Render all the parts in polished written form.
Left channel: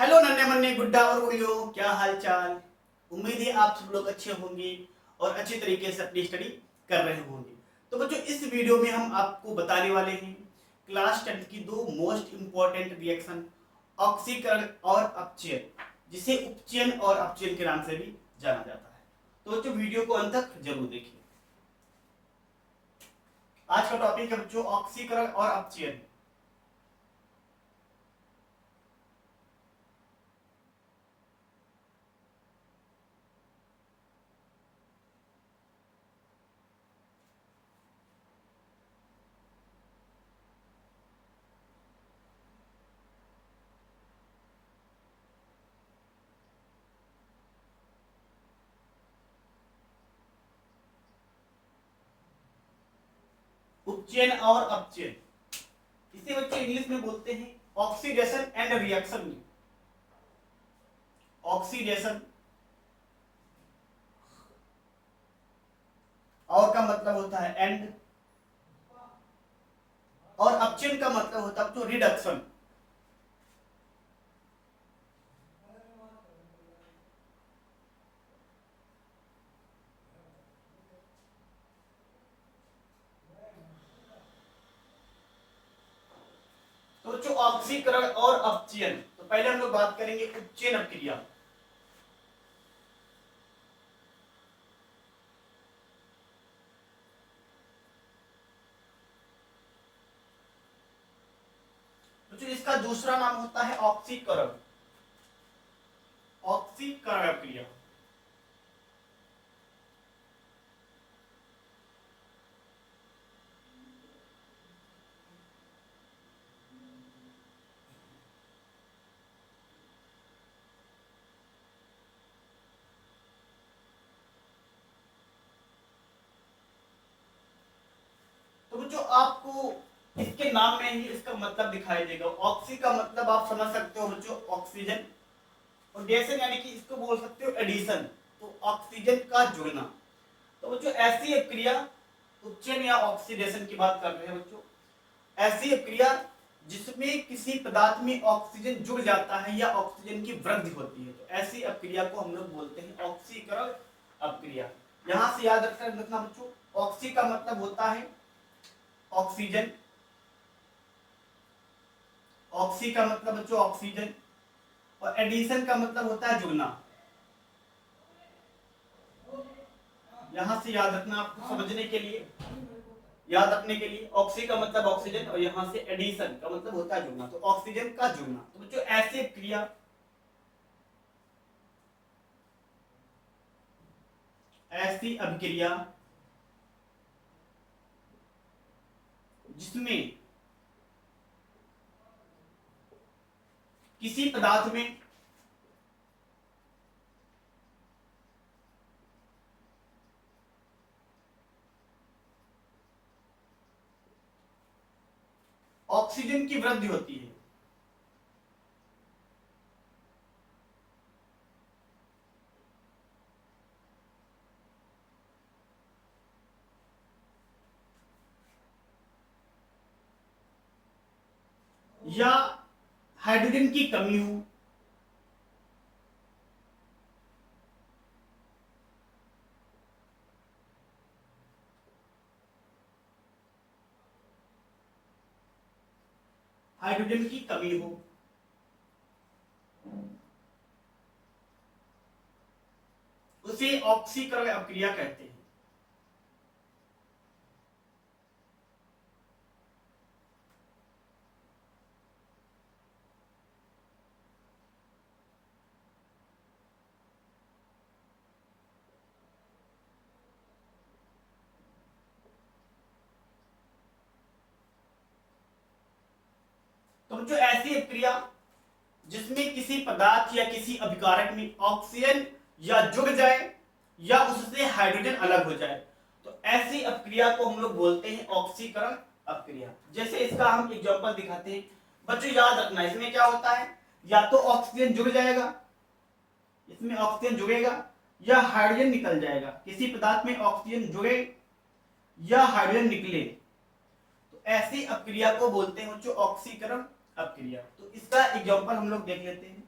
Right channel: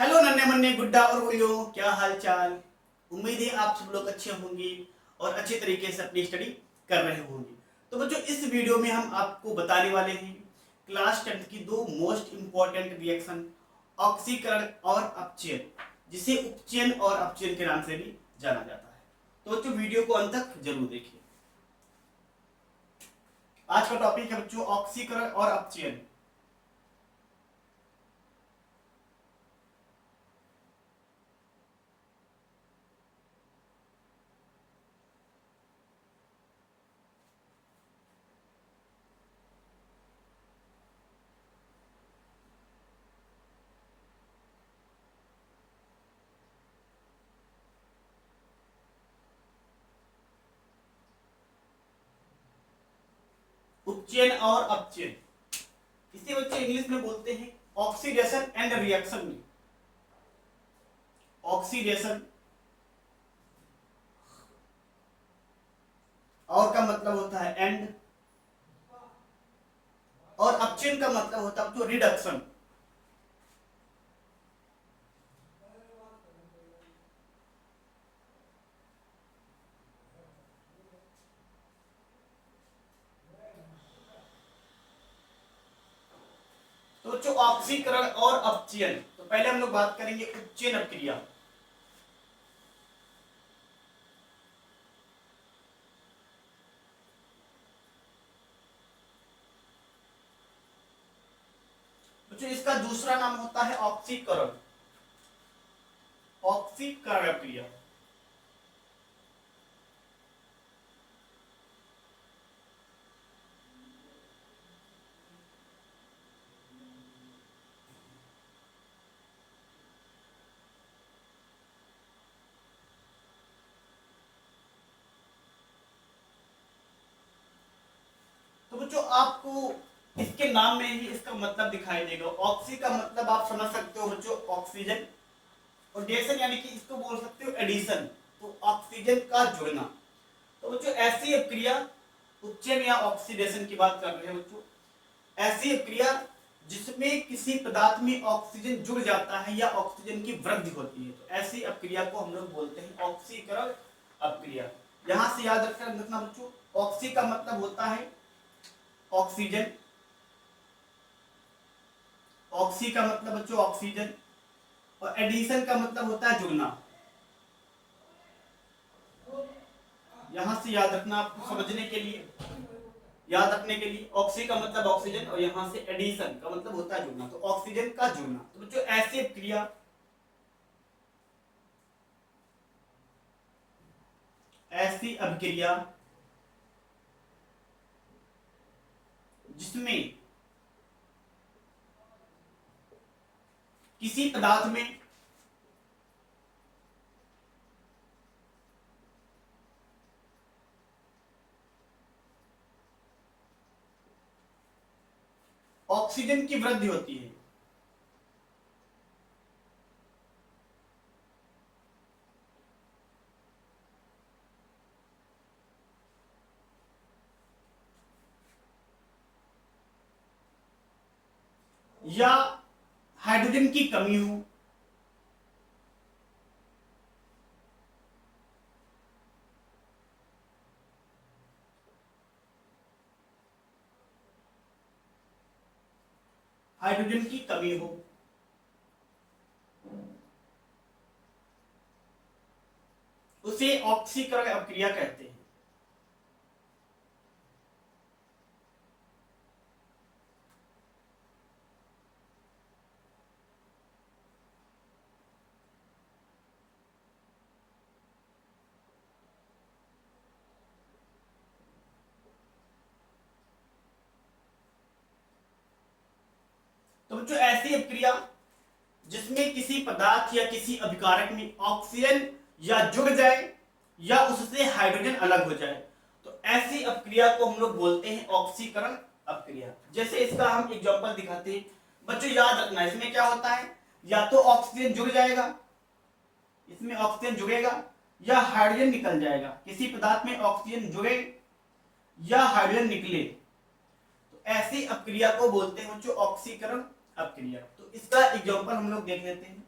Hello नन्हे मुन्ने गुड्डा और गुड़ियों, क्या हाल चाल। उम्मीद है आप सब लोग अच्छे होंगे और अच्छे तरीके से अपनी स्टडी कर रहे होंगे। तो बच्चों, इस वीडियो में हम आपको बताने वाले हैं क्लास 10 की दो मोस्ट इंपॉर्टेंट रिएक्शन, ऑक्सीकरण और अपचयन, जिसे उपचयन और अपचयन के नाम से भी जाना जाता है। तो बच्चों, वीडियो को अंत तक जरूर देखिए। आज का टॉपिक है बच्चों ऑक्सीकरण और अपचयन। उपचयन और अपचयन, इसे बच्चे इंग्लिश में बोलते हैं ऑक्सीडेशन एंड रिएक्शन। में ऑक्सीडेशन और का मतलब होता है एंड, और अपचयन का मतलब होता है तो रिडक्शन। तो बच्चों, ऑक्सीकरण और अपचयन, तो पहले हम लोग बात करेंगे उपचयन अभिक्रिया। बच्चों, इसका दूसरा नाम होता है ऑक्सीकरण, ऑक्सीकरण अभिक्रिया। तो बच्चों, आपको इसके नाम में ही इसका मतलब दिखाई देगा। ऑक्सी का मतलब आप समझ सकते हो बच्चों ऑक्सीजन, और डेशन यानी कि इसको बोल सकते हो एडिशन, तो ऑक्सीजन का जुड़ना। तो बच्चों, ऐसी अभिक्रिया, उपचयन या ऑक्सीडेशन की बात कर रहे हैं बच्चों, ऐसी अभिक्रिया जिसमें किसी पदार्थ में ऑक्सीजन जुड़ जाता है या ऑक्सीजन की वृद्धि होती है, तो ऐसी अभिक्रिया को हम लोग बोलते हैं ऑक्सीकरण अभिक्रिया। यहां से याद रखना बच्चों, ऑक्सी का मतलब होता है ऑक्सीजन, ऑक्सी का मतलब बच्चों ऑक्सीजन, और एडिशन का मतलब होता है जुड़ना। यहां से याद रखना, आपको समझने के लिए, याद रखने के लिए, ऑक्सी का मतलब ऑक्सीजन और यहां से एडिशन का मतलब होता है जुड़ना, तो ऑक्सीजन का जुड़ना। तो बच्चों, ऐसी क्रिया, ऐसी अभिक्रिया जिसमें किसी पदार्थ में ऑक्सीजन की वृद्धि होती है, या हाइड्रोजन की कमी हो, हाइड्रोजन की कमी हो, उसे ऑक्सीकरण अभिक्रिया कहते हैं। तो जो ऐसी अभिक्रिया जिसमें किसी पदार्थ या किसी अभिकारक में ऑक्सीजन या जुड़ जाए या उससे हाइड्रोजन अलग हो जाए, तो ऐसी अभिक्रिया को हम लोग बोलते हैं ऑक्सीकरण अभिक्रिया। जैसे इसका हम एग्जांपल दिखाते हैं बच्चों, याद रखना, इसमें क्या होता है, या तो ऑक्सीजन जुड़ जाएगा, इसमें ऑक्सीजन जुड़ेगा, या हाइड्रोजन निकल जाएगा। किसी पदार्थ में ऑक्सीजन जुड़े या हाइड्रोजन निकले, तो ऐसी अभिक्रिया को बोलते हैं बच्चों ऑक्सीकरण अभिक्रिया। तो इसका एग्जांपल हम लोग देख लेते हैं।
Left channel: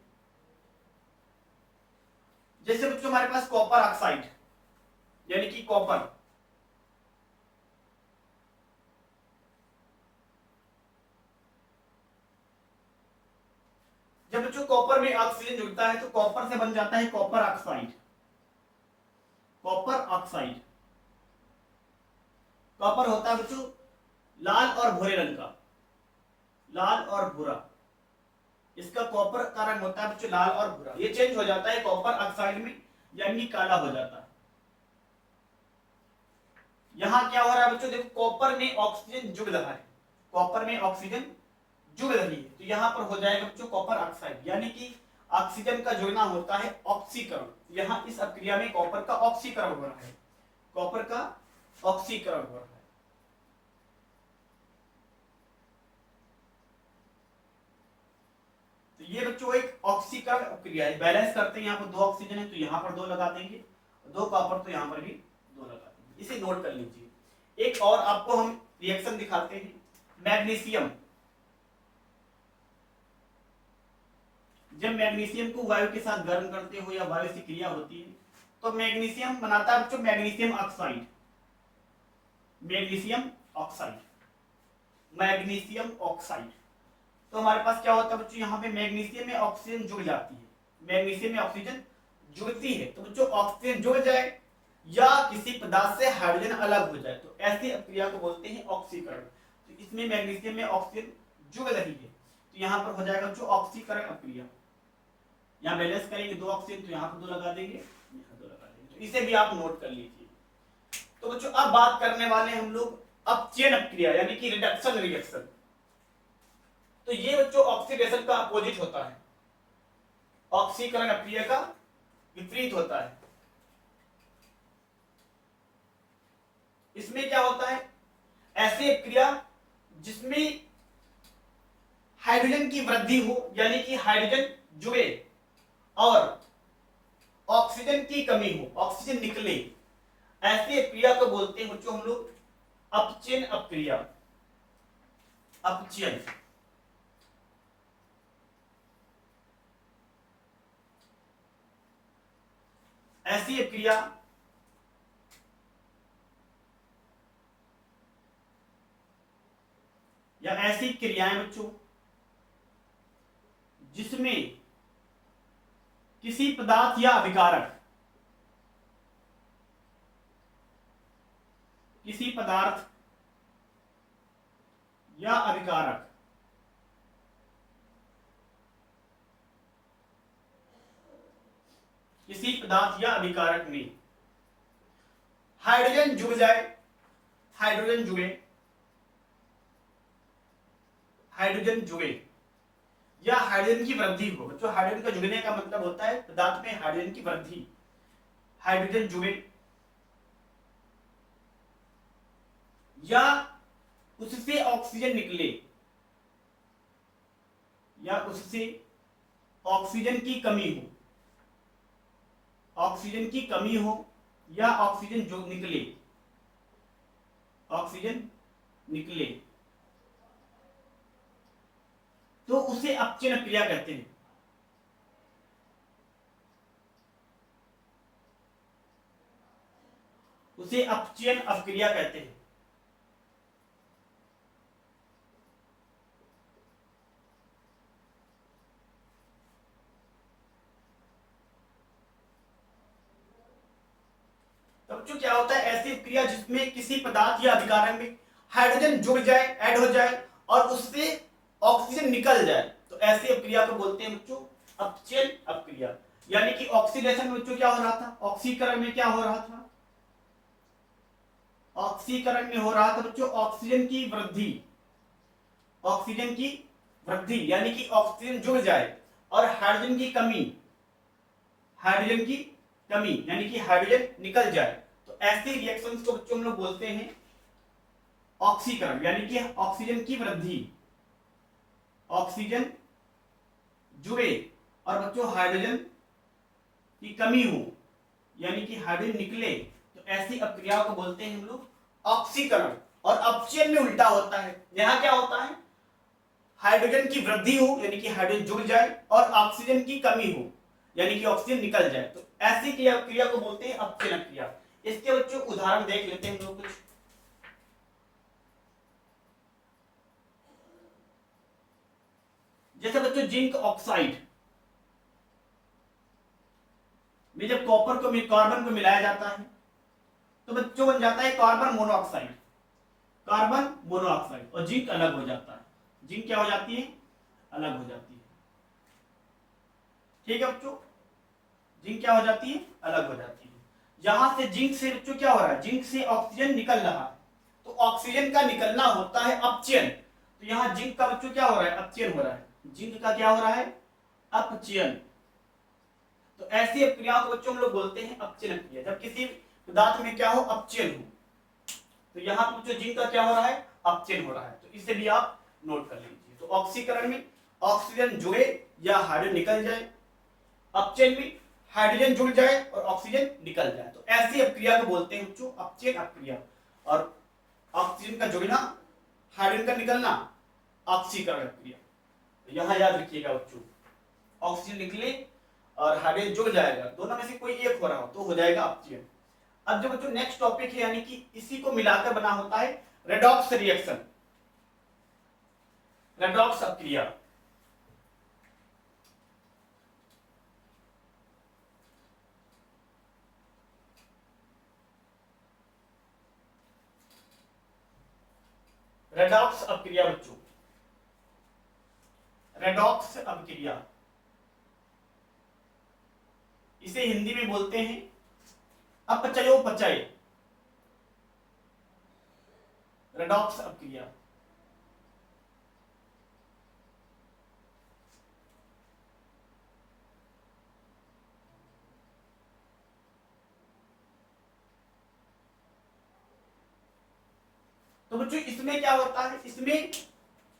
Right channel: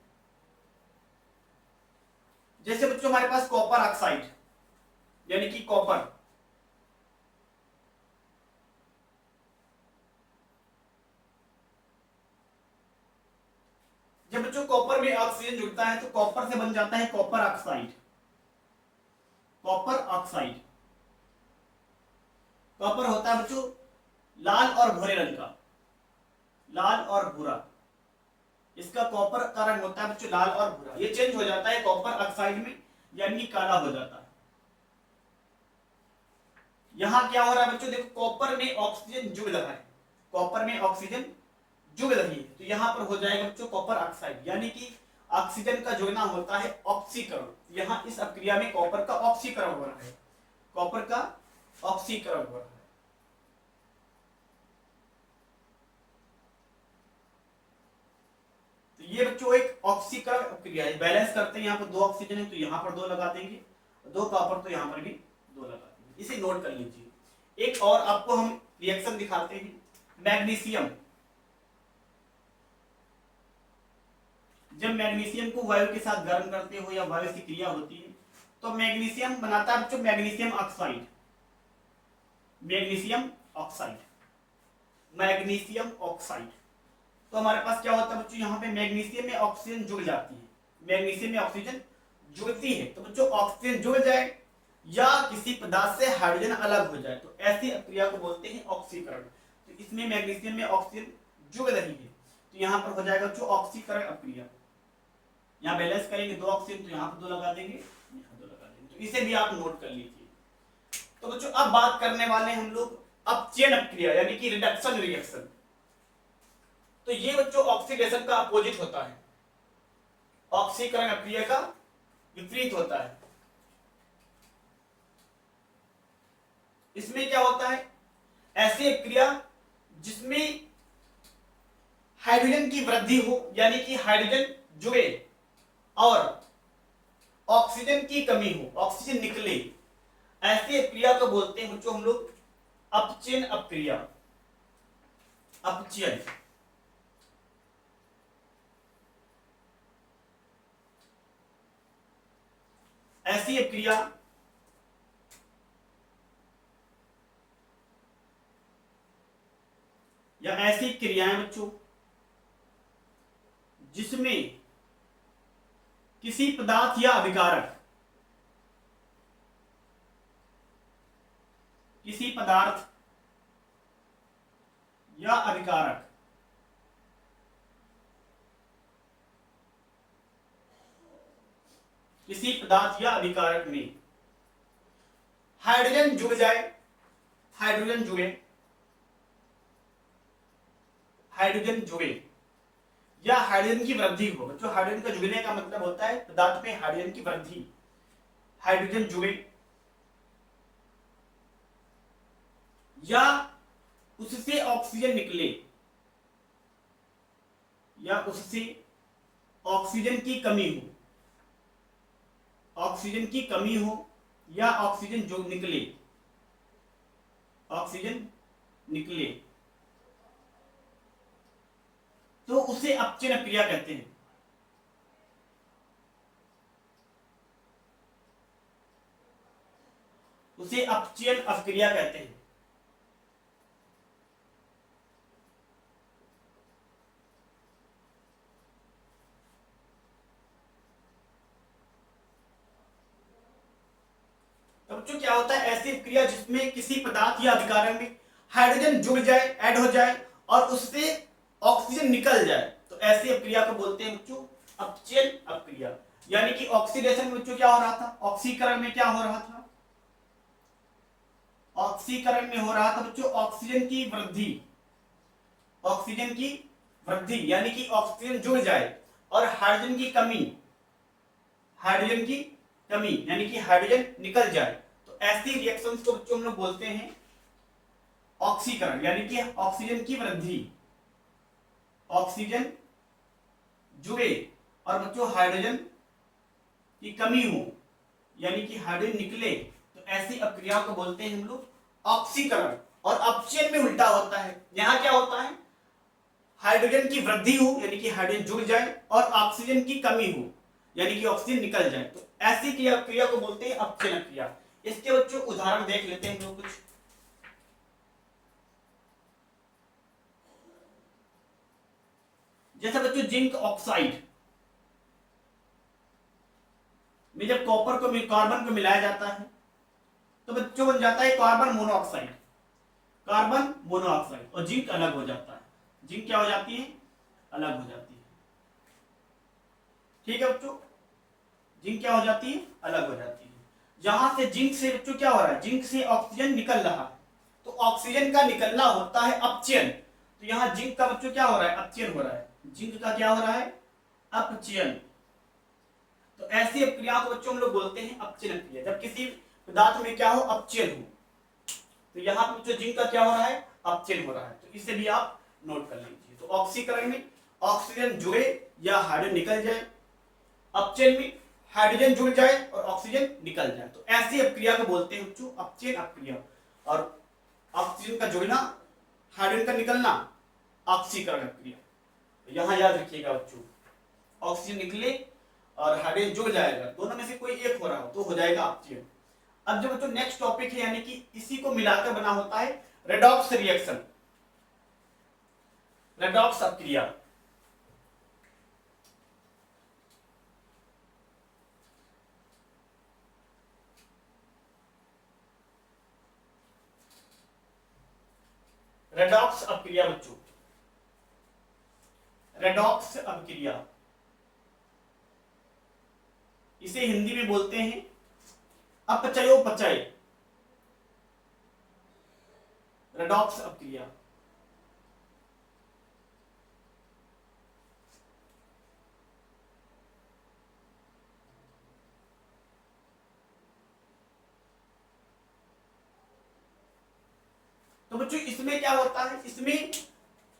जैसे बच्चों हमारे पास कॉपर ऑक्साइड यानी कि कॉपर, जब बच्चों कॉपर में ऑक्सीजन जुड़ता है तो कॉपर से बन जाता है copper oxide. Copper oxide, copper होता है बच्चों लाल और भूरे रंग का, लाल और भूरा, इसका कॉपर का रंग होता है बच्चों लाल और भूरा। ये चेंज हो जाता है कॉपर ऑक्साइड में, यानी काला हो जाता है। यहां क्या हो रहा है बच्चों, देखो कॉपर में ऑक्सीजन जुड़ रहा है, कॉपर में ऑक्सीजन जुड़ रही है, तो यहां पर हो जाएगा बच्चों कॉपर ऑक्साइड, यानी कि ऑक्सीजन का जुड़ना होता है ऑक्सीकरण। यहां इस अभिक्रिया में कॉपर का ऑक्सीकरण हो रहा है, कॉपर का ऑक्सीकरण हो रहा है। तो ये बच्चों एक ऑक्सीकरण अभिक्रिया है। बैलेंस करते हैं, यहाँ पर 2 ऑक्सीजन है तो यहाँ पर 2 लगा देंगे, 2 कॉपर तो यहाँ पर भी 2 लगा देंगे। इसे नोट कर लीजिए। एक और आपको हम रिएक्शन दिखाते हैं, मैग्नीशियम। जब मैग्नीशियम को वायु के साथ गर्म करते हो या वायु से क्रिया होती है तो मैग्नीशियम बनाता है बच्चों magnesium oxide, magnesium oxide, magnesium oxide. तो हमारे पास क्या होता है बच्चों, यहाँ पे मैग्नीशियम में ऑक्सीजन जुड़ जाती है, मैग्नीशियम में ऑक्सीजन जुड़ती है, तो बच्चों ऑक्सीजन जुड़ जाए या किसी पदार्थ से हाइड्रोजन अलग हो जाए तो ऐसी अभिक्रिया को बोलते हैं ऑक्सीकरण। तो इसमें मैग्नीशियम में ऑक्सीजन जुड़ रही है तो यहाँ पर हो जाएगा बच्चों ऑक्सीकरण अभिक्रिया। यहाँ बैलेंस करेंगे 2 ऑक्सीजन तो यहाँ पर 2 लगा देंगे, यहाँ 2 लगा देंगे, तो इसे भी आप नोट कर लीजिए। तो बच्चों अब बात करने वाले हम लोग अपचयन अभिक्रिया यानी कि रिडक्शन रिएक्शन। तो ये बच्चों ऑक्सीडेशन का अपोजिट होता है, ऑक्सीकरण अभिक्रिया का विपरीत होता है। इसमें क्या होता है, ऐसी अभिक्रिया जिसमें हाइड्रोजन की वृद्धि हो यानी कि हाइड्रोजन जुड़े और ऑक्सीजन की कमी हो, ऑक्सीजन निकले, ऐसी अभिक्रिया को बोलते हैं बच्चों हम लोग अपचयन अभिक्रिया, अपचयन। ऐसी अभिक्रिया या ऐसी क्रियाएं बच्चों जिसमें किसी पदार्थ या अभिकारक, किसी पदार्थ या अभिकारक किसी पदार्थ या अभिकारक में हाइड्रोजन जुड़ जाए, हाइड्रोजन जुड़े, हाइड्रोजन जुड़े या हाइड्रोजन की वृद्धि हो। जो हाइड्रोजन का जुड़ने का मतलब होता है पदार्थ में हाइड्रोजन की वृद्धि, हाइड्रोजन जुड़े या उससे ऑक्सीजन निकले या उससे ऑक्सीजन की कमी हो, ऑक्सीजन की कमी हो या ऑक्सीजन जो निकले, ऑक्सीजन निकले तो उसे अपचयन अभिक्रिया कहते हैं। उसे अपचयन अभिक्रिया कहते हैं। बच्चों क्या होता है, ऐसी क्रिया जिसमें किसी पदार्थ या अभिकारक में हाइड्रोजन जुड़ जाए, ऐड हो जाए और उससे ऑक्सीजन निकल जाए, तो ऐसी अभिक्रिया को बोलते हैं बच्चों अपचयन अभिक्रिया। यानी कि ऑक्सीडेशन में बच्चों क्या हो रहा था, ऑक्सीकरण में क्या हो रहा था, ऑक्सीकरण में हो रहा था बच्चों ऑक्सीजन की वृद्धि, ऑक्सीजन की वृद्धि यानी कि ऑक्सीजन जुड़ जाए और हाइड्रोजन की कमी, हाइड्रोजन की कमी यानी कि हाइड्रोजन निकल जाए, तो ऐसी रिएक्शंस को बच्चों हम लोग बोलते हैं ऑक्सीकरण यानी कि ऑक्सीजन की वृद्धि, ऑक्सीजन जुड़े और बच्चों हाइड्रोजन की कमी हो यानी कि हाइड्रोजन निकले, तो ऐसी अभिक्रिया को बोलते हैं हम लोग ऑक्सीकरण। और अपचयन में उल्टा होता है, यहां क्या होता है हाइड्रोजन की वृद्धि हो यानी कि हाइड्रोजन जुड़ जाए और ऑक्सीजन की कमी हो यानी कि ऑक्सीजन निकल जाए, तो ऐसी क्रिया क्रिया को बोलते हैं अपचयन क्रिया। इसके बच्चों उदाहरण देख लेते हैं हम लोग कुछ। जैसे बच्चों जिंक ऑक्साइड में जब कॉपर को कार्बन को मिलाया जाता है तो बच्चों बन जाता है कार्बन मोनोऑक्साइड। कार्बन मोनोऑक्साइड और जिंक अलग हो जाता है। जिंक क्या हो जाती है? अलग हो जाती है। ठीक है बच्चों, जिंक क्या हो जाती है? अलग हो जाती है। यहां से जिंक से बच्चों क्या हो रहा है? जिंक से ऑक्सीजन निकल रहा है, तो ऑक्सीजन का निकलना होता है अपचयन। तो यहाँ जिंक का बच्चों क्या हो रहा है? अपचयन हो रहा है। जिंक का क्या हो रहा है? अपचयन। तो ऐसी क्रिया को बच्चों हम लोग बोलते हैं अपचयन क्रिया। जब किसी पदार्थ में क्या हो? अपचयन हो। तो यहाँ पर बच्चों जिंक का क्या हो रहा है? अपचयन हो रहा है। तो इसे भी आप नोट कर लीजिए। तो ऑक्सीकरण में ऑक्सीजन जुड़े या हाइड्रोजन निकल जाए, अपचयन में हाइड्रोजन जुड़ जाए और ऑक्सीजन निकल जाए। तो ऐसी अपक्रिया को बोलते हैं बच्चों अपचयन अपक्रिया। और ऑक्सीजन का जुड़ना, हाइड्रोजन का निकलना ऑक्सीकरण अपक्रिया। तो यहां याद रखिएगा बच्चों, ऑक्सीजन निकले और हाइड्रोजन जुड़ जाएगा, दोनों में से कोई एक हो रहा हो तो हो जाएगा अपचयन। अब जो बच्चों नेक्स्ट टॉपिक है, यानी कि इसी को मिलाकर बना होता है रेडॉक्स रिएक्शन, रेडॉक्स अपक्रिया। रेडॉक्स अपक्रिया बच्चों, रेडॉक्स अपक्रिया, इसे हिंदी में बोलते हैं अपचयोपचय, रेडॉक्स अपक्रिया। तो बच्चों इसमें क्या होता है? इसमें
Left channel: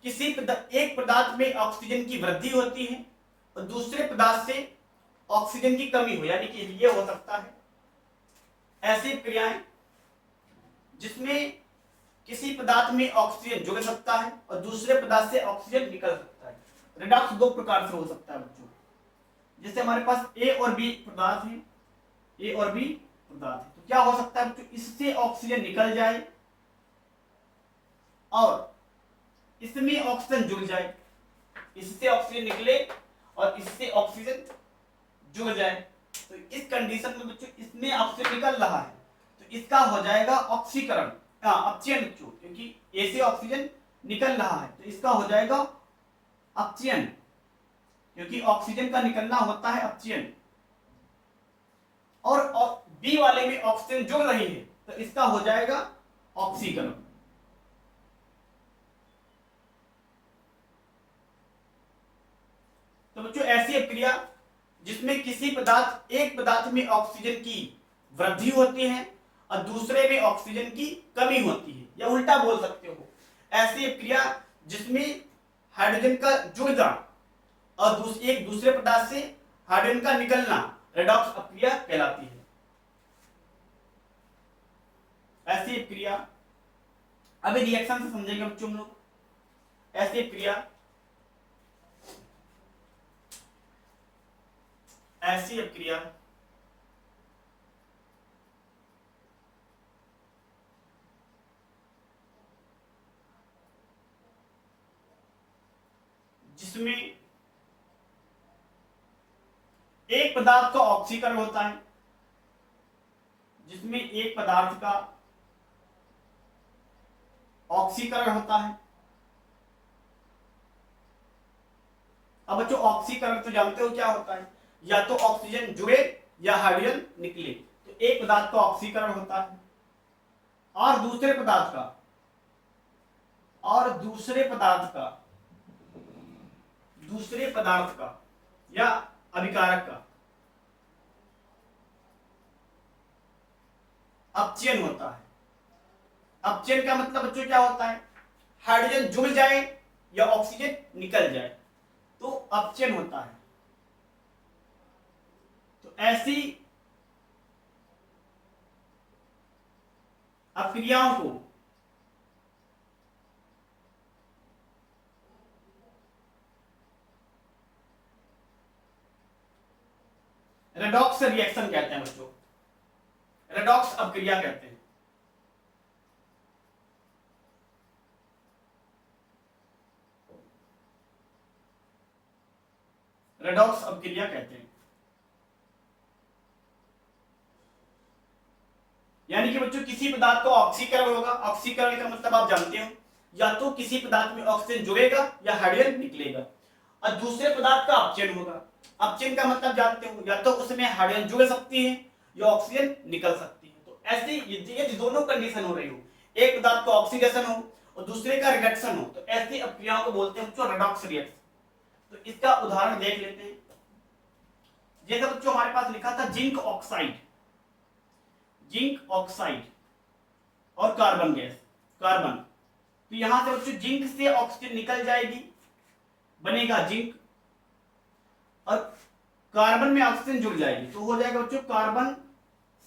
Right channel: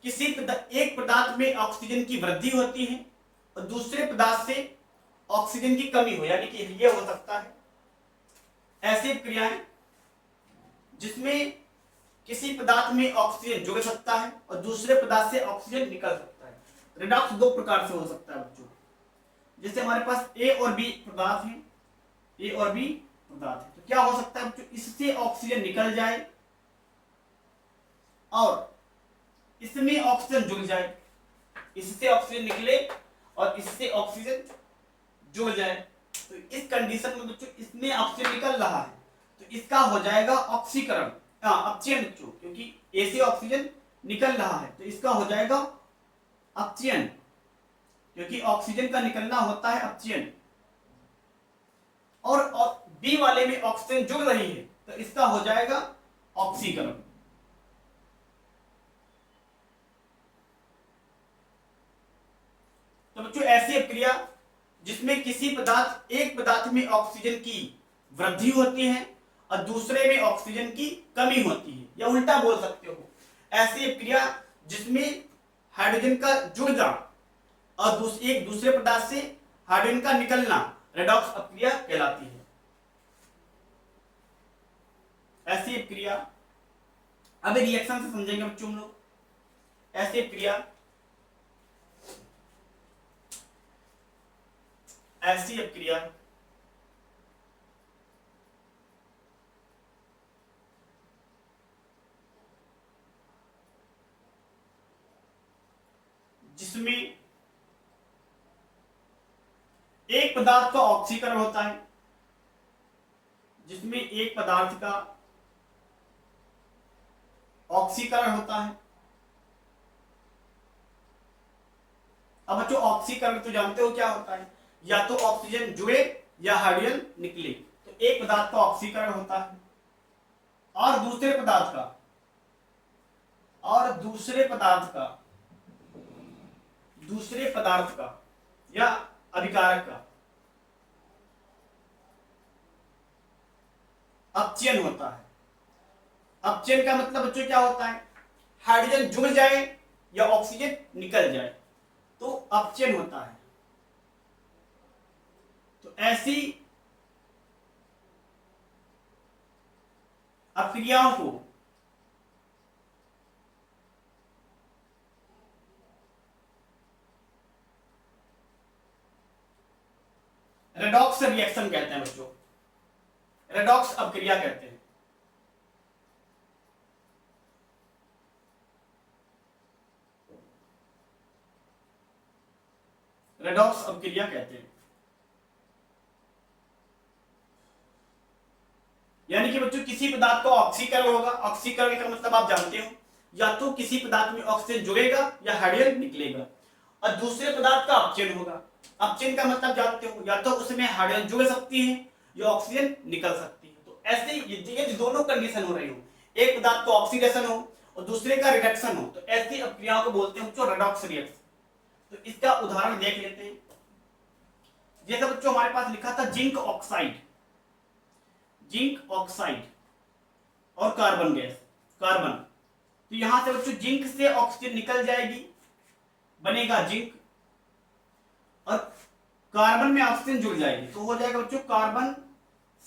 किसी एक पदार्थ में ऑक्सीजन की वृद्धि होती है और दूसरे पदार्थ से ऑक्सीजन की कमी हो, यानी कि ये हो सकता है ऐसी क्रियाएं जिसमें किसी पदार्थ में ऑक्सीजन जुड़ सकता है और दूसरे पदार्थ से ऑक्सीजन निकल सकता है। रिडॉक्स दो प्रकार से हो सकता है बच्चों। जैसे हमारे पास ए और बी पदार्थ है, ए और बी पदार्थ है, तो क्या हो सकता है बच्चों? इससे ऑक्सीजन निकल जाए और इसमें ऑक्सीजन जुड़ जाए, इससे ऑक्सीजन निकले और इससे ऑक्सीजन जुड़ जाए। तो इस कंडीशन में बच्चों इसमें ऑक्सीजन निकल रहा है तो इसका हो जाएगा ऑक्सीकरण, अपचयन बच्चों, क्योंकि ए से ऑक्सीजन निकल रहा है तो इसका हो जाएगा अपचयन, क्योंकि ऑक्सीजन का निकलना होता है अपचयन। और बी वाले में ऑक्सीजन जुड़ रही है तो इसका हो जाएगा ऑक्सीकरण। तो बच्चों ऐसी अपक्रिया जिसमें किसी पदार्थ, एक पदार्थ में ऑक्सीजन की वृद्धि होती है और दूसरे में ऑक्सीजन की कमी होती है, या उल्टा बोल सकते हो, ऐसी अपक्रिया जिसमें हाइड्रोजन का जुड़ना और एक दूसरे पदार्थ से हाइड्रोजन का निकलना रेडॉक्स अपक्रिया कहलाती है। ऐसी अपक्रिया, अभी रिएक्शन से समझेंगे बच्चों हम लोग। ऐसी अपक्रिया, ऐसी अपक्रिया जिसमें एक पदार्थ का ऑक्सीकरण होता है, जिसमें एक पदार्थ का ऑक्सीकरण होता है। अब बच्चों ऑक्सीकरण तो जानते हो क्या होता है, या तो ऑक्सीजन जुड़े या हाइड्रोजन निकले। तो एक पदार्थ का ऑक्सीकरण होता है और दूसरे पदार्थ का, दूसरे पदार्थ का या अभिकारक का अपचयन होता है। अपचयन का मतलब बच्चों क्या होता है? हाइड्रोजन जुड़ जाए या ऑक्सीजन निकल जाए तो अपचयन होता है। तो ऐसी अपक्रियाओं को रेडॉक्स रेडॉक्स रिएक्शन कहते हैं बच्चों, रेडॉक्स अपक्रिया कहते हैं। रेडॉक्स अपक्रिया कहते हैं। यानी कि बच्चों किसी पदार्थ का ऑक्सीकरण होगा, ऑक्सीकरण का मतलब आप जानते हो, या तो किसी पदार्थ में ऑक्सीजन जुड़ेगा या हाइड्रोजन निकलेगा, और दूसरे पदार्थ का अपचयन होगा। अपचयन का मतलब जानते हो, या तो उसमें हाइड्रोजन जुड़ सकती है या ऑक्सीजन निकल सकती है। तो ऐसे ये दोनों कंडीशन हो रही हो, एक पदार्थ का ऑक्सीडेशन हो और दूसरे का रिडक्शन हो, तो ऐसी अपक्रियाओं को बोलते हैं बच्चों रेडॉक्स रिएक्शन। तो इसका उदाहरण देख लेते हैं। जैसे बच्चों हमारे पास लिखा था जिंक ऑक्साइड, जिंक ऑक्साइड और कार्बन गैस, कार्बन। तो यहां से बच्चों जिंक से ऑक्सीजन निकल जाएगी, बनेगा जिंक, और कार्बन में ऑक्सीजन जुड़ जाएगी तो हो जाएगा बच्चों कार्बन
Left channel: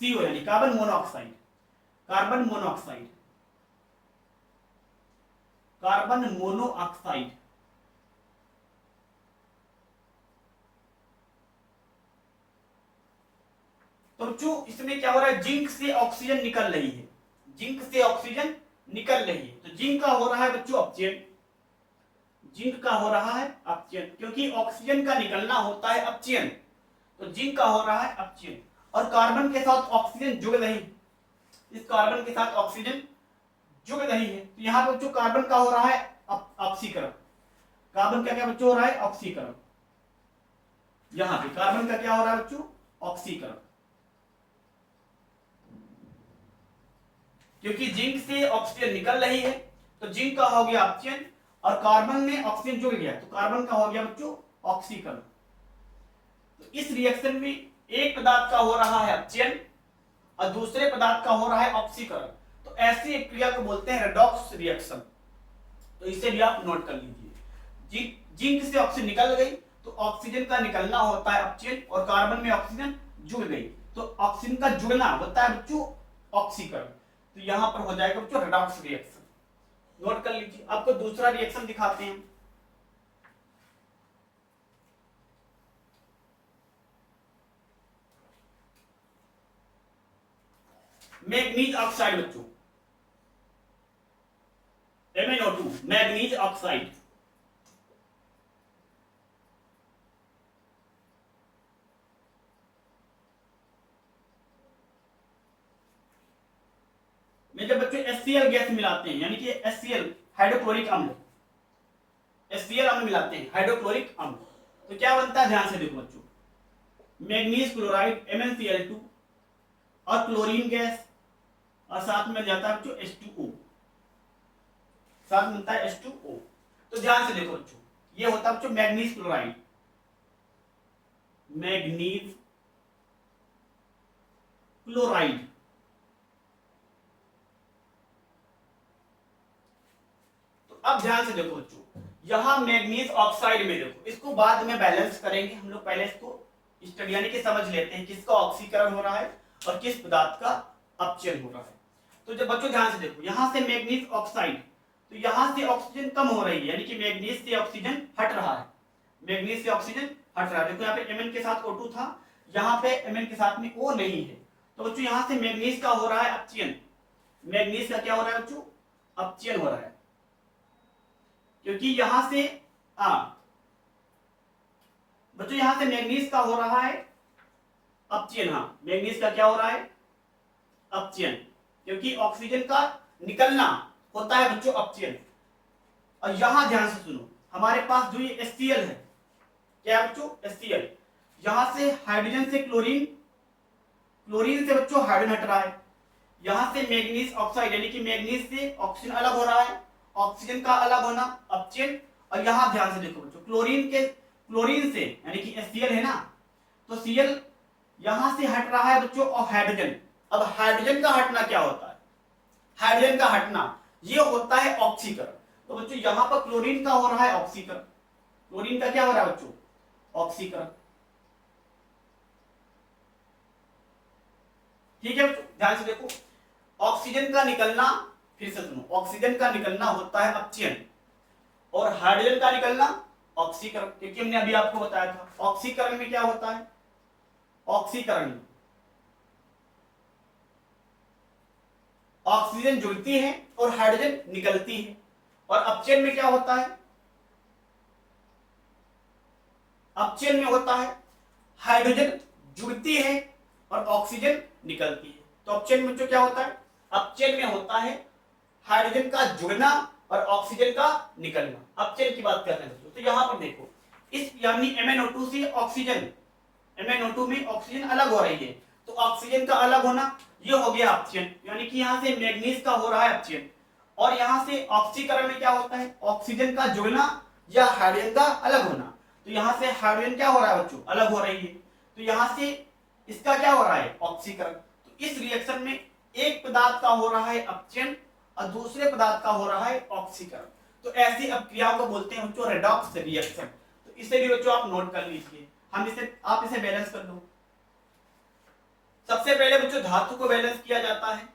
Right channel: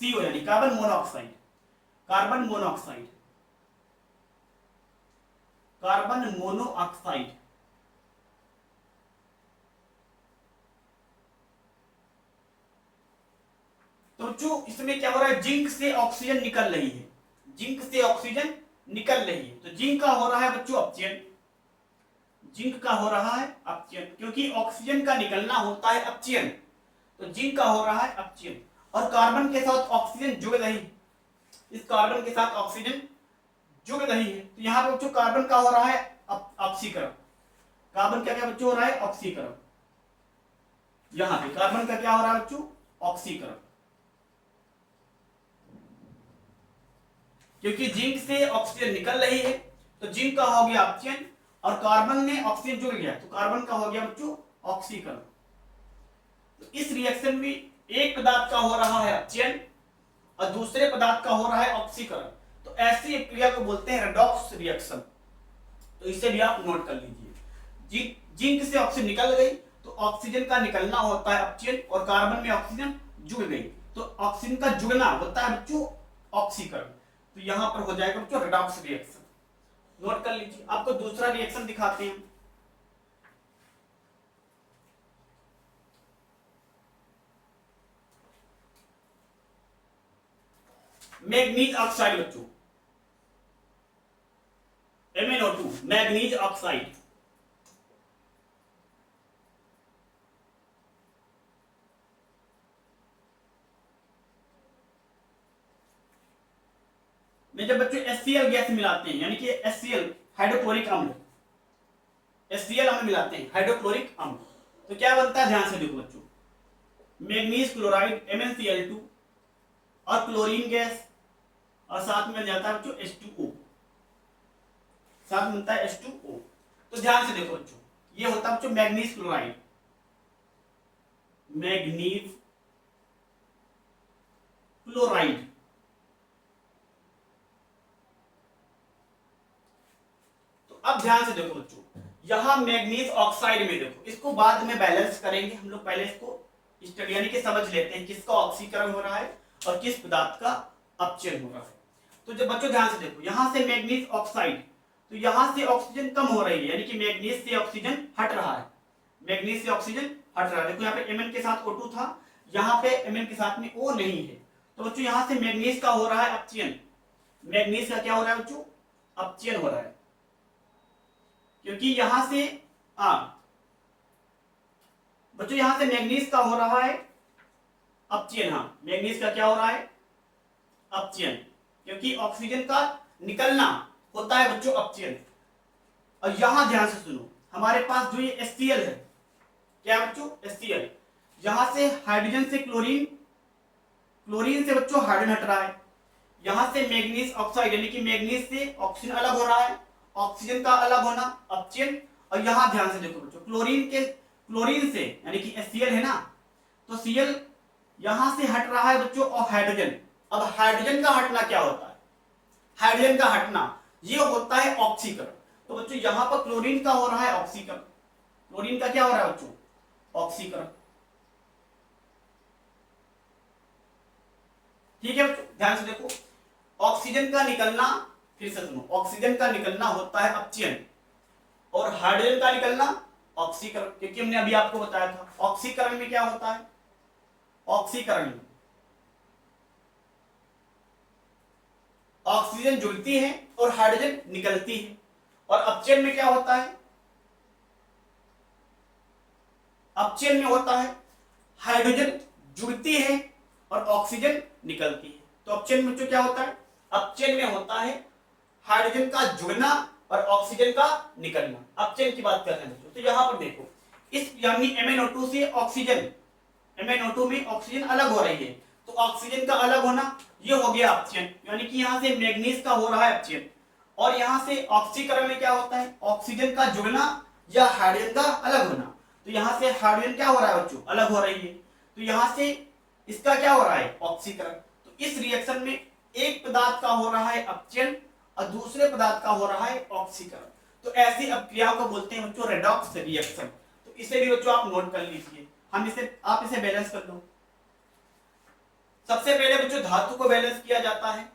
CO, यानी carbon monoxide, carbon monoxide, carbon monoxide. तो बच्चों इसमें क्या हो रहा है, जिंक से ऑक्सीजन निकल रही है, जिंक से ऑक्सीजन निकल रही है, तो जिंक का हो रहा है बच्चों अपचयन, जिंक का हो रहा है अपचयन, क्योंकि ऑक्सीजन का निकलना होता है अपचयन, तो जिंक का हो रहा है अपचयन। और कार्बन के साथ ऑक्सीजन जुड़ रही, इस कार्बन के साथ ऑक्सीजन जुड़ रही है, तो यहां पे बच्चों कार्बन का हो रहा है ऑक्सीकरण, कार्बन का क्या बच्चों हो रहा है ऑक्सीकरण, यहां पे कार्बन का क्या हो रहा है बच्चों ऑक्सीकरण, क्योंकि जिंक से ऑक्सीजन निकल रही है तो जिंक का हो गया अपचयन, और कार्बन में ऑक्सीजन जुड़ गया तो कार्बन का हो गया बच्चों ऑक्सीकरण। तो इस रिएक्शन में एक पदार्थ का हो रहा है अपचयन और दूसरे पदार्थ का हो रहा है ऑक्सीकरण, तो ऐसी एक क्रिया को बोलते हैं रेडॉक्स रिएक्शन। तो इसे भी आप नोट कर लीजिए, जिंक से ऑक्सीजन निकल गई तो ऑक्सीजन का निकलना होता है अपचयन, और कार्बन में ऑक्सीजन जुड़ गई तो ऑक्सीजन का जुड़ना होता है बच्चों ऑक्सीकरण। तो यहां पर हो जाएगा बच्चों रेडॉक्स रिएक्शन, नोट कर लीजिए। आपको दूसरा रिएक्शन दिखाते हैं। मैग्नीज ऑक्साइड बच्चों, MnO2, मैग्नीज ऑक्साइड। में जब बच्चों HCl गैस मिलाते हैं, यानी कि HCl हाइड्रोक्लोरिक अम्ल, HCl अम्ल मिलाते हैं हाइड्रोक्लोरिक अम्ल, तो क्या बनता है ध्यान से देखो बच्चों, मैग्नीज क्लोराइड MnCl2 और क्लोरीन गैस, और साथ में जाता है बच्चों H2O, साथ में बनता है H2O। तो ध्यान से देखो बच्चों, ये होता है बच्चों मैग्नीज क्लोराइड, मैग्नीज क्लोराइड। तो अब ध्यान से देखो बच्चों, यहां मैग्नीज ऑक्साइड में देखो, इसको बाद में बैलेंस करेंगे हम लोग, पहले इसको स्टडी यानी कि समझ लेते हैं किसका ऑक्सीकरण हो रहा है और किस पदार्थ का अपचयन हो रहा है। तो जब बच्चों ध्यान से देखो, यहां से मैग्नीज ऑक्साइड, तो यहां से ऑक्सीजन कम हो रही है, यानी कि मैग्नीज से ऑक्सीजन हट रहा है, मैग्नीज से ऑक्सीजन हट रहा है। देखो यहाँ पे Mn के साथ O2 था, यहाँ पे Mn के साथ में O नहीं है, तो बच्चों यहां से मैग्नीज का हो रहा है अपचयन, मैग्नीज का क्या हो रहा है बच्चों अपचयन हो रहा है, क्योंकि यहां से बच्चों यहां से मैग्नीज का हो रहा है अपचयन, हाँ मैग्नीज का क्या हो रहा है अपचयन, क्योंकि ऑक्सीजन का निकलना होता है बच्चों अपचयन। और यहां ध्यान से सुनो, हमारे पास जो ये HCl है, क्या बच्चों HCl, यहां से हाइड्रोजन से क्लोरीन, क्लोरीन से बच्चों हाइड्रोजन हट रहा है, यहां से मैग्नीज ऑक्साइड यानी कि मैग्नीज से ऑक्सीजन अलग हो रहा है, ऑक्सीजन का अलग होना अपचयन। और यहां ध्यान से देखो बच्चों, क्लोरीन से यानी कि HCl है ना, तो Cl यहां से हट रहा है बच्चों और हाइड्रोजन। अब हाइड्रोजन का हटना क्या होता है, हाइड्रोजन का हटना ये होता है ऑक्सीकरण। तो बच्चों यहां पर क्लोरीन का हो रहा है ऑक्सीकरण, क्लोरीन का क्या हो रहा है बच्चों ऑक्सीकरण, ठीक है बच्चों ध्यान से देखो। ऑक्सीजन का निकलना, फिर से सुनो, ऑक्सीजन का निकलना होता है अपचयन और हाइड्रोजन का निकलना ऑक्सीकरण, क्योंकि हमने अभी आपको बताया था ऑक्सीकरण में क्या होता है, ऑक्सीकरण में ऑक्सीजन जुड़ती है और हाइड्रोजन निकलती है। और अपचयन में क्या होता है? अपचयन में होता है हाइड्रोजन जुड़ती है और ऑक्सीजन निकलती है। तो अपचयन में जो क्या होता है? अपचयन में होता है हाइड्रोजन का जुड़ना और ऑक्सीजन का निकलना। अपचयन की बात कर रहे हैं। तो यहां पर देखो, इस यानी MnO2 से ऑक्सीजन, MnO2 में ऑक्सीजन अलग हो रही है, तो ऑक्सीजन का अलग होना ये हो गया अपचयन, यानी कि यहां से मैग्नीज का हो रहा है अपचयन। और यहां से ऑक्सीकरण में क्या होता है? ऑक्सीजन का जुड़ना या हाइड्रोजन का अलग होना। तो यहां से हाइड्रोजन क्या हो रहा है बच्चों? अलग हो रही है। तो यहां से इसका क्या हो रहा है? ऑक्सीकरण। तो इस रिएक्शन में एक पदार्थ का हो रहा है अपचयन और दूसरे पदार्थ का हो रहा है ऑक्सीकरण। तो ऐसी अपक्रियाओं को बोलते हैं बच्चों रेडॉक्स रिएक्शन। तो इसे भी बच्चों आप नोट कर लीजिए। आप इसे बैलेंस कर लो। सबसे पहले बच्चों धातु को बैलेंस किया जाता है।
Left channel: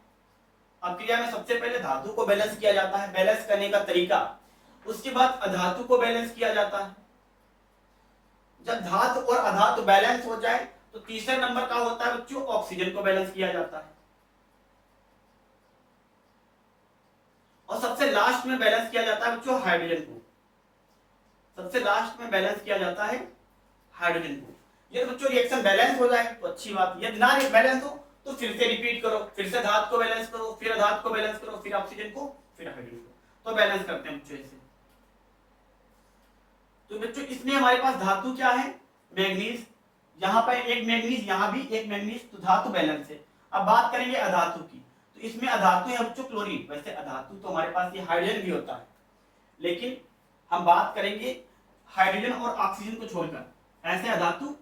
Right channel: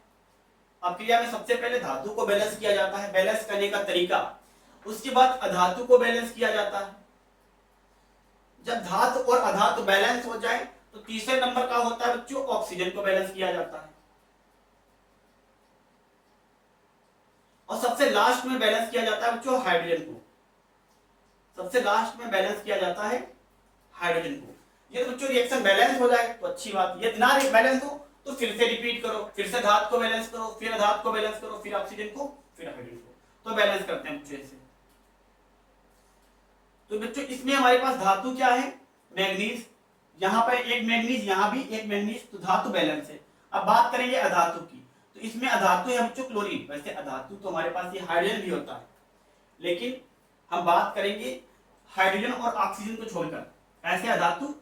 अपक्रिया में सबसे पहले धातु को बैलेंस किया जाता है, बैलेंस करने का तरीका। उसके बाद अधातु को बैलेंस किया जाता है। जब धातु और अधातु बैलेंस हो जाए तो तीसरे नंबर का होता है बच्चों ऑक्सीजन को बैलेंस किया जाता है। और सबसे लास्ट में बैलेंस किया जाता है बच्चों हाइड्रोजन को। सबसे लास्ट में बैलेंस किया जाता है हाइड्रोजन को। ये तो बच्चों रिएक्शन बैलेंस हो जाए तो अच्छी बात। यदि ना बैलेंस हो तो फिर से रिपीट करो, फिर से धातु को बैलेंस करो, फिर अधातु को बैलेंस करो, फिर ऑक्सीजन को, फिर हाइड्रोजन को। तो बैलेंस करते हैं बच्चों इसे। तो बच्चों इसमें हमारे पास धातु क्या है? मैग्नीज। यहाँ पर एक मैग्नीज, यहाँ भी एक मैग्नीज, तो धातु बैलेंस है। अब बात करेंगे अधातु की। तो इसमें अधातु है बच्चों क्लोरीन। वैसे अधातु तो हमारे पास ये हाइड्रोजन भी होता है, लेकिन हम बात करेंगे हाइड्रोजन और ऑक्सीजन को छोड़कर ऐसे अधातु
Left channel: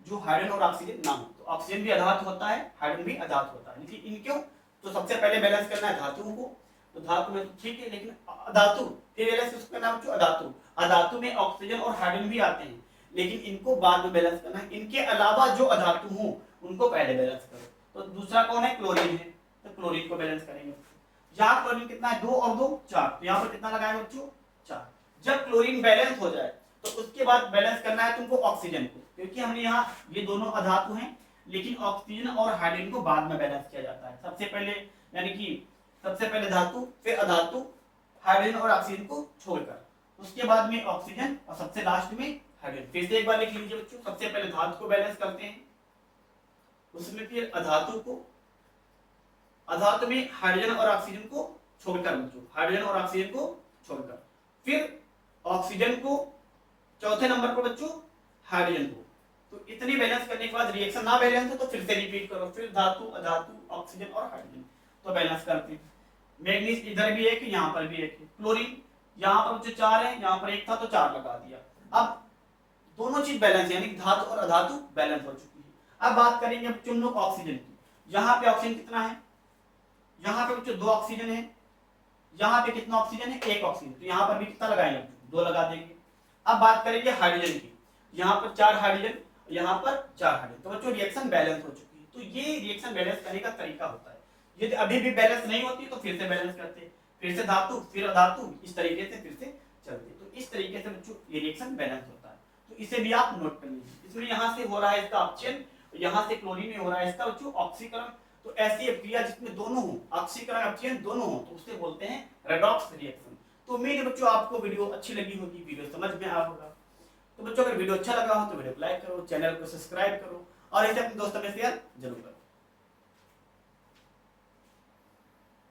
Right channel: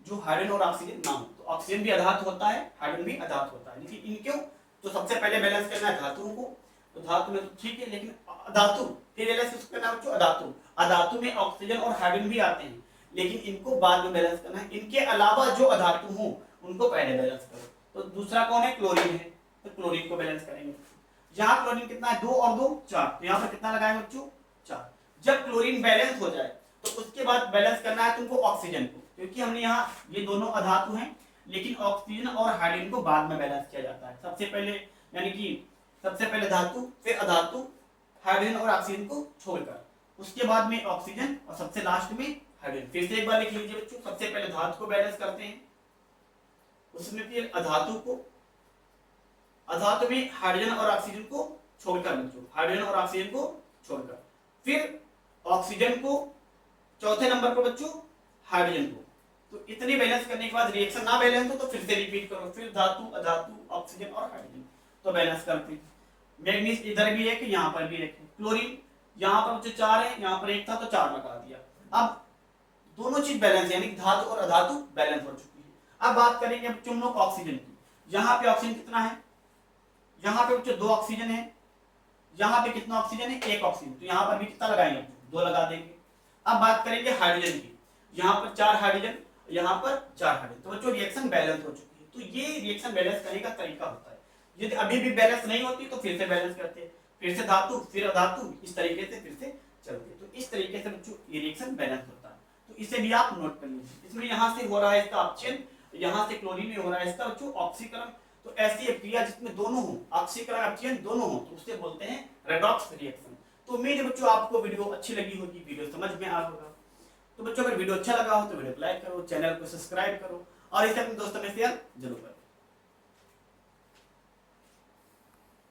जो हाइड्रोजन और ऑक्सीजन ना हो। तो ऑक्सीजन भी अधातु होता है, हाइड्रोजन भी अधातु होता है, लेकिन इनको तो सबसे पहले बैलेंस करना है धातुओं को। तो धातु में तो ठीक है, लेकिन अधातु फिर बैलेंस किसको करना बच्चों? अधातु। अधातु में ऑक्सीजन और हाइड्रोजन भी आते हैं, लेकिन इनको बाद में बैलेंस करना है। इनके अलावा जो अधातु हो उनको पहले बैलेंस करो। तो दूसरा कौन है? क्लोरीन है। तो क्लोरीन को बैलेंस करेंगे। यहाँ क्लोरीन कितना है? 2 और 2 4। तो यहाँ पर कितना लगाएंगे बच्चों? 4। जब क्लोरीन बैलेंस हो जाए तो उसके बाद बैलेंस करना है तुमको ऑक्सीजन को, क्योंकि हमने यहाँ ये दोनों अधातु हैं, लेकिन ऑक्सीजन और हाइड्रोजन को बाद में बैलेंस किया जाता है। सबसे पहले यानी कि सबसे पहले धातु, फिर अधातु, हाइड्रोजन और ऑक्सीजन को छोड़कर, उसके बाद में ऑक्सीजन और सबसे लास्ट में हाइड्रोजन। फिर से एक बार लिख लीजिए बच्चों। सबसे पहले धातु को बैलेंस करते हैं, उसमें फिर अधातु को, अधातु में हाइड्रोजन और ऑक्सीजन को छोड़कर बच्चों, हाइड्रोजन और ऑक्सीजन को छोड़कर, फिर ऑक्सीजन को, चौथे नंबर पर बच्चों हाइड्रोजन को। तो इतनी बैलेंस करने के बाद रिएक्शन ना बैलेंस हो तो फिर से रिपीट करो, फिर धातु, अधातु, ऑक्सीजन और हाइड्रोजन। तो बैलेंस करते हैं। मैग्नीज इधर भी एक है, यहाँ पर भी एक है। क्लोरीन यहाँ पर बच्चों 4 है, यहाँ पर 1 था तो 4 लगा दिया। अब दोनों चीज बैलेंस, यानी धातु और अधातु बैलेंस हो चुकी है। अब बात करेंगे बच्चों हम लोग ऑक्सीजन की। यहाँ पे ऑक्सीजन कितना है? यहाँ पे बच्चों 2 ऑक्सीजन है। यहाँ पे कितना ऑक्सीजन है? 1 ऑक्सीजन। तो यहाँ पर भी कितना लगाएंगे? 2 लगा देंगे। अब बात करेंगे हाइड्रोजन की। यहाँ पर 4 हाइड्रोजन, यहाँ पर 4 हाइड्रोजन। तो बच्चों रिएक्शन बैलेंस हो चुकी है। तो ये रिएक्शन बैलेंस करने का तरीका होता है। यदि अभी भी बैलेंस नहीं होती तो फिर से बैलेंस करते हैं, फिर से धातु, फिर अधातु, इस तरीके से फिर से चलते। तो इस तरीके से बच्चों ये रिएक्शन बैलेंस होता है। तो इसे भी आप नोट कर लीजिए। इसमें यहाँ से हो रहा है इसका अपचयन, यहाँ से क्लोरीन में हो रहा है इसका बच्चों ऑक्सीकरण। तो ऐसी क्रिया जिसमें दोनों हो, ऑक्सीकरण अपचयन दोनों हो, तो उसे बोलते हैं रेडॉक्स रिएक्शन। तो उम्मीद है बच्चों आपको वीडियो अच्छी लगी होगी, वीडियो समझ में आया होगा। तो बच्चों अगर वीडियो अच्छा लगा हो तो वीडियो को लाइक करो, चैनल को सब्सक्राइब करो और इसे अपने दोस्तों में शेयर जरूर करो।